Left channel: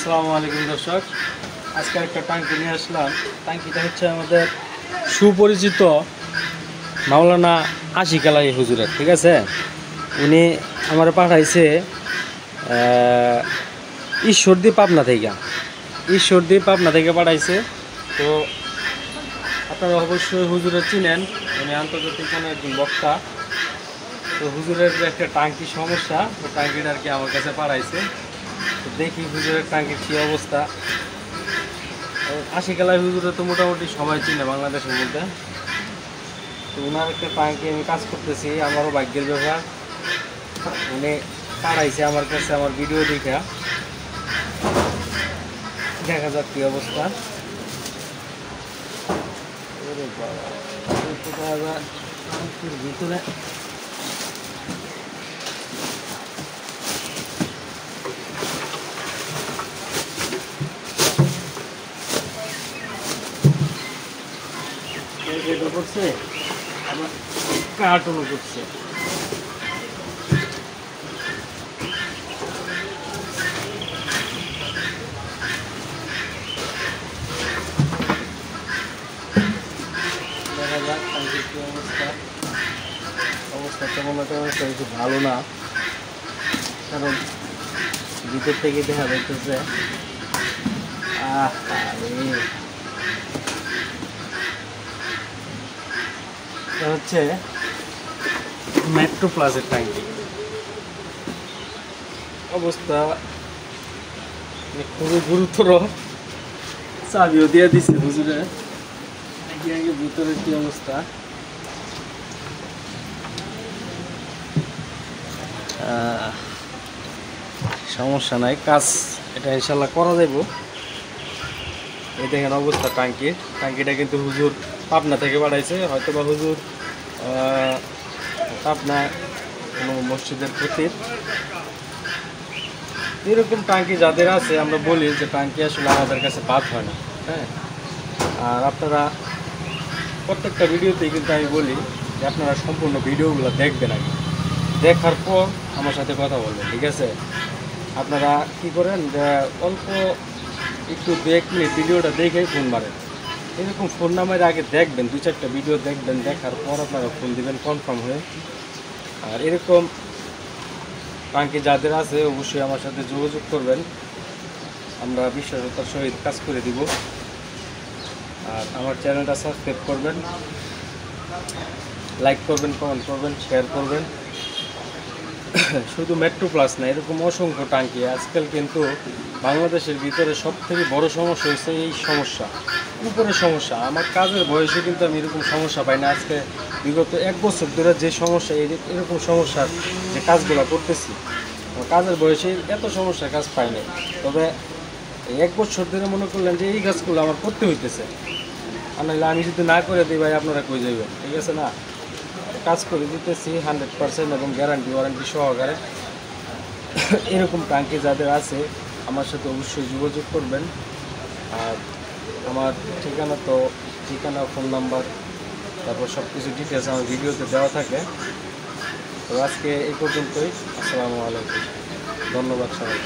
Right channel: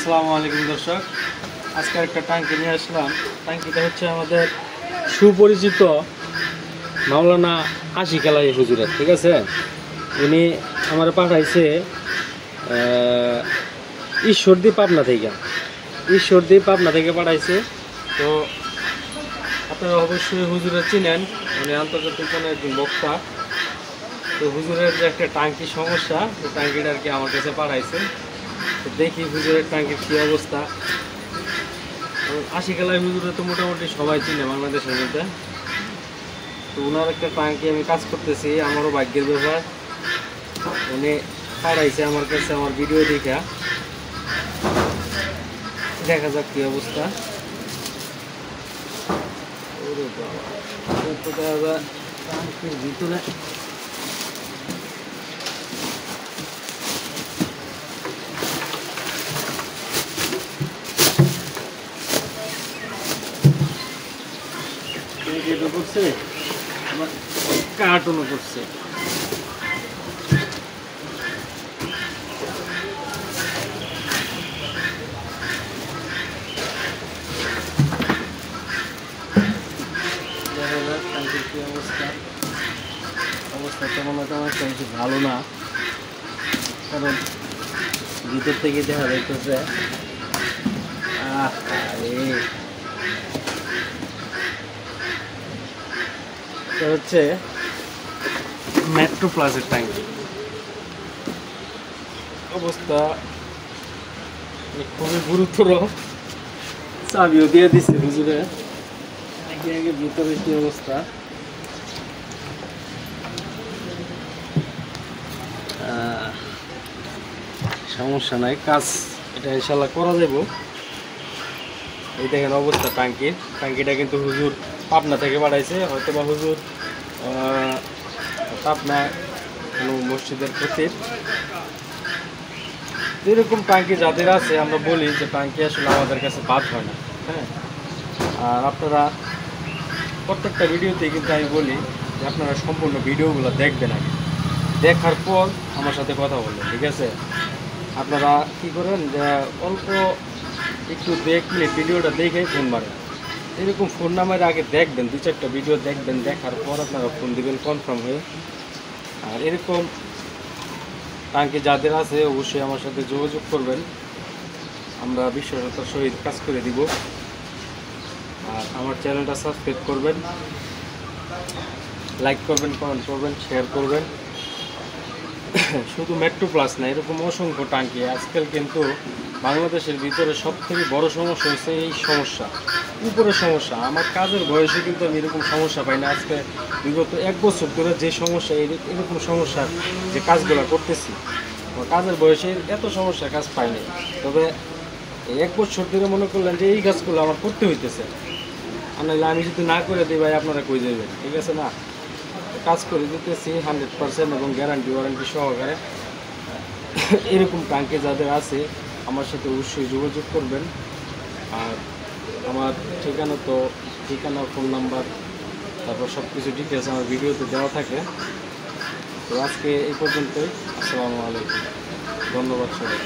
আসসালামু আলাইকুম দর্শক, আজকে একটা টাঙ্কি নিয়ে আসলাম। টাঙ্কিটা হচ্ছে আমাদের সুপরিচিত মাওলানা আশিক আলাই হুজুরের, ঠিক আছে। উনি আমার পাঠাইছে ঈশ্বরদী পাবনা থেকে পাঠাইছে। তো আপনারা অবশ্যই হুজুরের চিনেন, উনি আন্তর্জাতিক কোনো একজন বক্তা। তো হুজুরের যে একটা টাঙ্কি সমস্যা, তো টাঙ্কিটা আর কি আমার কাছে পাঠাইছে। তো দেখি হুজুরের টাঙ্কির কী অবস্থা। আশিক আলাই হুজুরে তো মোটামুটি সবাই চিনে বাংলাদেশের মধ্যে। তো ওনার একটা টাঙ্কি আমি কাজ করতেছি, আমারও ভাগ্যের ব্যাপার। উনি পাঠাইছে আমার কাছে আমার ভিডিও দেখা যাক কী অবস্থা। ওরে বাবা, টাঙ্কির ভিতরে করছে, আবার কার্টুনও করছে। দেখা যাক টাঙ্কির কি অবস্থা তেমন কিছু ভালো না, কারণ ভিতর থেকে দেখা যাইতেছে হচ্ছে মেট্রো প্লাসের ট্যাঙ্কি। অবস্থা খুবই গুরুতর। চাবিও দিয়ে দিচ্ছে হুজুরে, আগে ভিতরে কি অবস্থা। সমস্যা নাই, কাজ এটা ইনশাল্লাহ করা যাইব। এই দেখেন অবস্থা টাঙ্কিটা কিন্তু হুজুর পাবনা থেকে পাঠাইছে। হয়তো বা হুজুর পাবনায় কোনো মসজিদের প্রতি এরকম টাঙ্কি যাদের আছে, আমরা বলি যে টাঙ্কি আসলে আমাদের কাছে বাদ হয় না। হ্যাঁ, আর আপনারা প্রত্যেকটা ভিডিওতেই কিন্তু আমি বলি যে আপনারা সম্পূর্ণ ভিডিওগুলো দেখবেন, আগে দেখার পর আমার সাথে কথা বলবেন, ঠিক আছে। আপনারা কী করেন যে অল্প একটু 1 মিনিট ভিডিওটা দেখে ফোন মারেন। এরকম ফোন নামের আগে দেখবেন, 2-4টা ভিডিও দেখবেন, দেখার পর আপনারা ফোন দিবেন কনফার্ম হয়ে। আর এরকম টাঙ্কি যাদের আছে অবশ্যই আমার সাথে যোগাযোগ করবেন, আমরা বিশ্বস্ততার সহিত কাজ করে দিব। আর আমার চ্যানেলটা সাবস্ক্রাইব করবেন, লাইক করবেন, কমেন্ট করবেন, শেয়ার করবেন। শুধু মেট্রো প্লাস না, এরকম অসংখ্য টাঙ্কি আজকাল কিন্তু বাংলাদেশের ভিতরে সবথেকে বড় সমস্যা হচ্ছে এই সমস্যা, উপরের সমস্যা। আমার কাজের বয়সে কিন্তু আমি এরকম সমস্যা পাই না। আজকে বিগত 1 বছর ধরে যে সমস্যা, এরকম সমস্যার যে কাজগুলো করতেছি, কাজের বয়সে এত সমস্যার কাজ পাই না। তবে 1 বছর ধরে মনে করলেন যে এই কাজগুলো আমার করতে হইতেছে, আর নাহলে আমি যদি না করে দিই ভাই আপনারা কই যাবেন, ঠিক আছে না। কাজ করে দিতেছি 100% এবং গ্যারান্টি ওয়ারেন্টি সহকারে। এরকম টাঙ্কি যাদের আছে আমার সাথে অবশ্যই যোগাযোগ করবেন। আর আমার ঠিকানা, ফোন নাম্বার, তারপর সব কিছু ডিটেলস আমার ভিডিওতে দেওয়া থাকে। তো আজকে এই পর্যন্তই। আসসালামু আলাইকুম, ধন্যবাদ সবাই।